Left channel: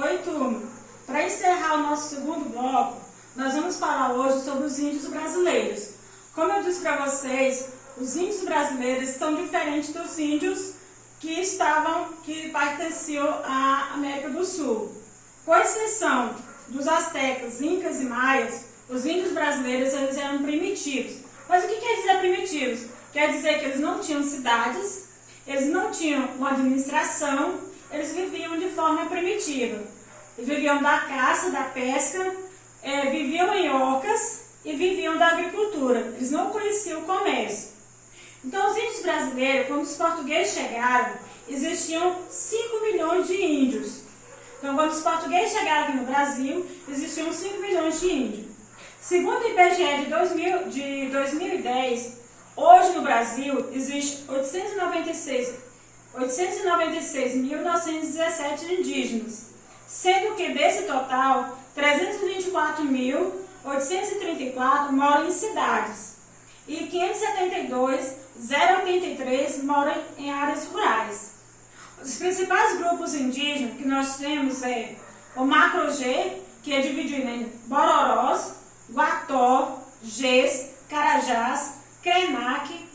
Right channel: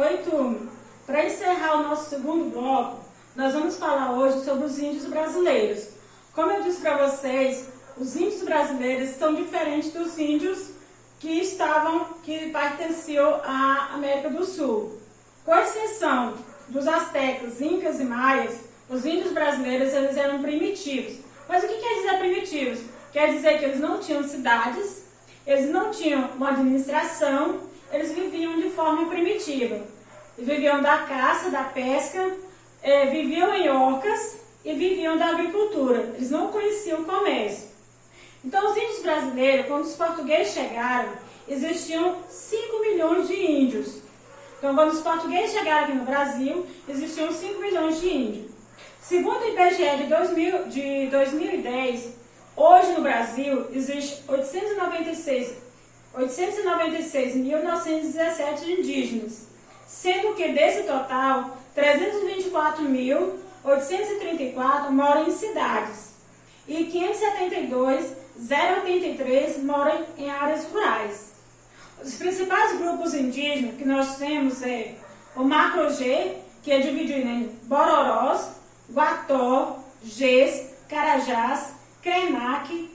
Oi, turma! Para encerrar o nosso segundo bloco, nós vamos falar hoje sobre os índios brasileiros. Como eu disse para vocês, os índios brasileiros são diferentes dos índios que pertenciam à América do Sul. Com exceção dos astecas, incas e maias, os índios brasileiros eles eram primitivos. Mas o que quer dizer primitivos? Quer dizer que eles não tinham cidades, eles não tinham uma administração, eles viviam de forma primitiva. Eles viviam da caça, da pesca, viviam em ocas e viviam da agricultura. Eles não conheciam o comércio. Então, os índios brasileiros, quando os portugueses chegaram, existiam 5 milhões de índios. Então, quando os portugueses chegaram aqui no Brasil, existiam 5 milhões de índios. Segundo o IBGE de 2010, hoje no Brasil, existe 896.917 indígenas, sendo que desse total, 324.834 moram em cidades e 572.083 moram em áreas rurais. Os principais grupos indígenas que nós temos é o Macro-G, que é dividido em Bororós, Guató, Gés, Carajás, Krenak,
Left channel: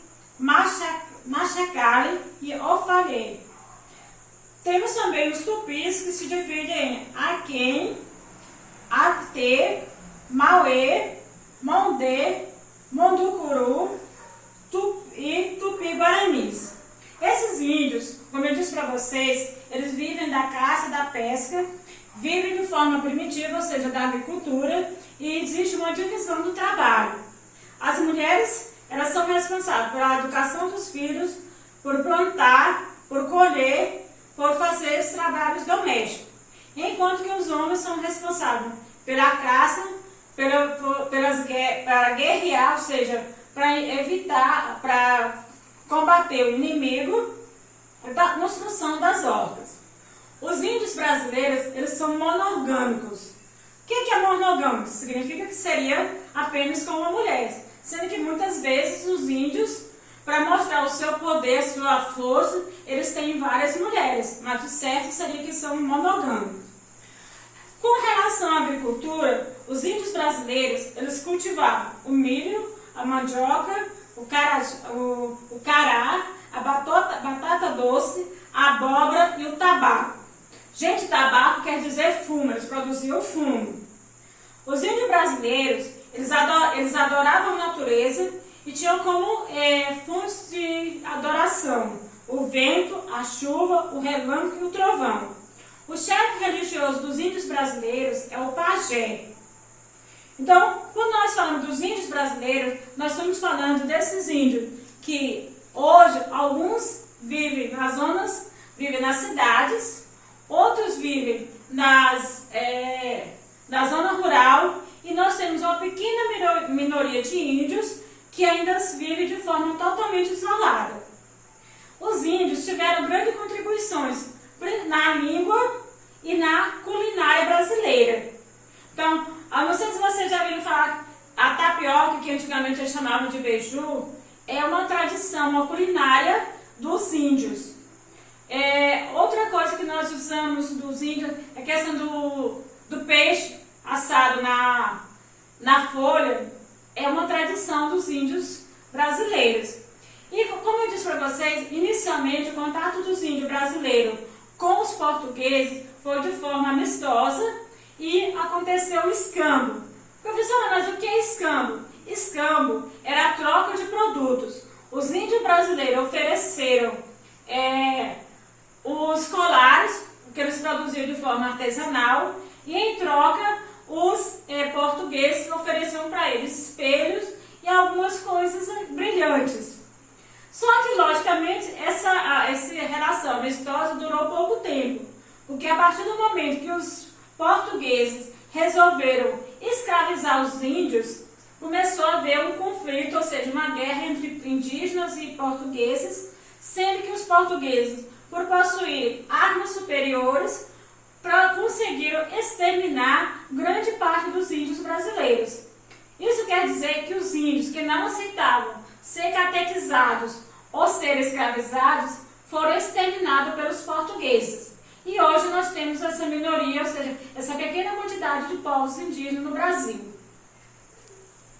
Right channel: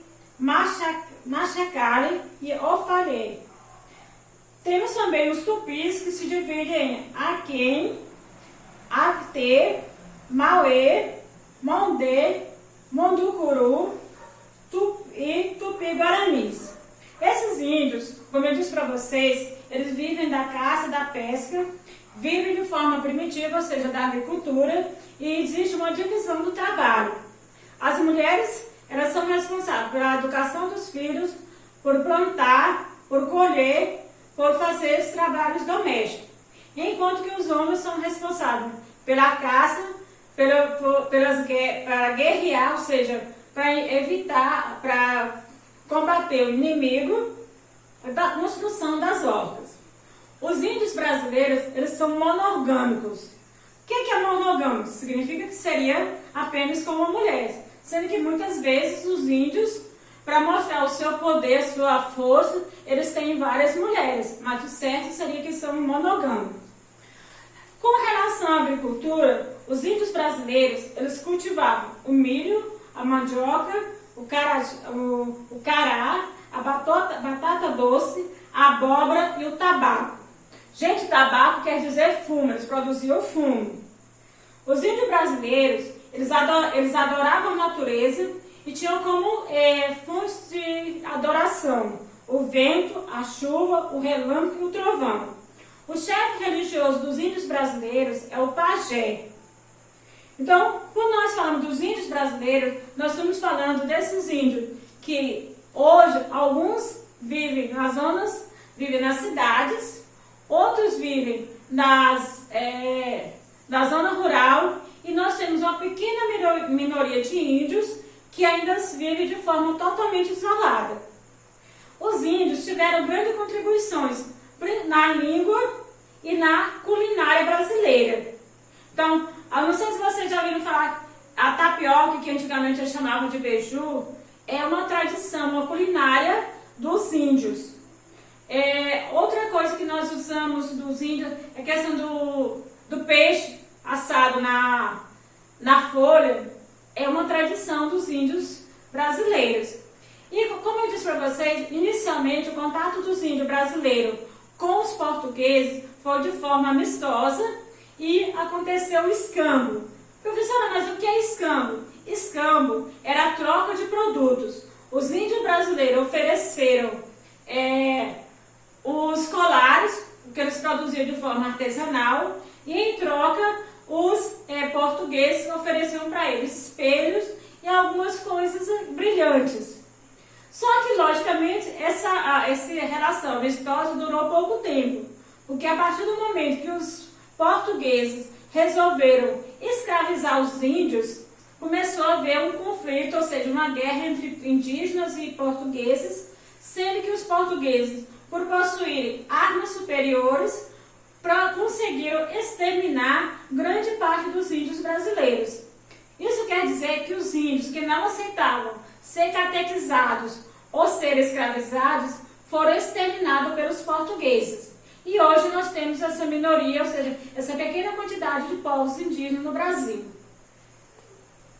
Machacali e Ofalhê. Temos também os tupis, que se dividem em Aquém, Até, Mauê, Mondê, Monducuru e Tupi-Guaranis. Esses índios, como eu disse para vocês, eles vivem da caça, da pesca, vivem de forma primitiva, ou seja, da agricultura, e existe uma divisão do trabalho. As mulheres, elas são responsáveis pela educação dos filhos, por plantar, por colher, por fazer os trabalhos domésticos. Enquanto que os homens são responsáveis pela caça, para guerrear, ou seja, para evitar, para combater o inimigo da construção das hortas. Os índios brasileiros, eles são monogâmicos. O que é monogâmico? Significa que seria apenas com uma mulher. Sendo que muitas vezes os índios, para mostrar o seu poder, sua força, eles têm várias mulheres, mas o certo seria que são monogâmicos. Com relação à agricultura, os índios brasileiros, eles cultivavam o milho, a mandioca, o cará, a batata doce, a abóbora e o tabaco. Gente, tabaco quer dizer fumo, eles produziam fumo. Os índios brasileiros, eles adoravam a natureza e tinham como fontes de adoração o vento, a chuva, o relâmpago e o trovão. O chefe religioso dos índios brasileiros é o pajé. Então, quando nós falamos dos índios brasileiros, nós estamos falando desses índios que hoje alguns vivem nas cidades, outros vivem na zona rural, e nós temos uma pequena minoria de índios que ainda vivem de forma totalmente isolada. Os índios tiveram grandes contribuições na língua e na culinária brasileira. Então, não sei se vocês já ouviram falar, a tapioca, que antigamente eles chamavam de beiju, é uma tradição, uma culinária dos índios. Outra coisa que nós usamos dos índios é a questão do peixe assado na folha, é uma tradição dos índios brasileiros. E como eu disse para vocês, inicialmente o contato dos índios brasileiros com os portugueses foi de forma amistosa e aconteceu o escambo. Professora, mas o que é escambo? Escambo era a troca de produtos. Os índios brasileiros ofereceram os colares, que eles produziam de forma artesanal, e em troca os portugueses ofereciam para eles espelhos e algumas coisas brilhantes. Só que, logicamente, essa relação amistosa durou pouco tempo, porque a partir do momento que os portugueses resolveram escravizar os índios, começou a haver um conflito, ou seja, uma guerra entre indígenas e portugueses, sendo que os portugueses, por possuírem armas superiores, conseguiram exterminar grande parte dos índios brasileiros. Isso quer dizer que os índios que não aceitavam ser catequizados ou ser escravizados foram exterminados pelos portugueses. E hoje nós temos essa minoria, ou seja, essa pequena quantidade de povos indígenas no Brasil.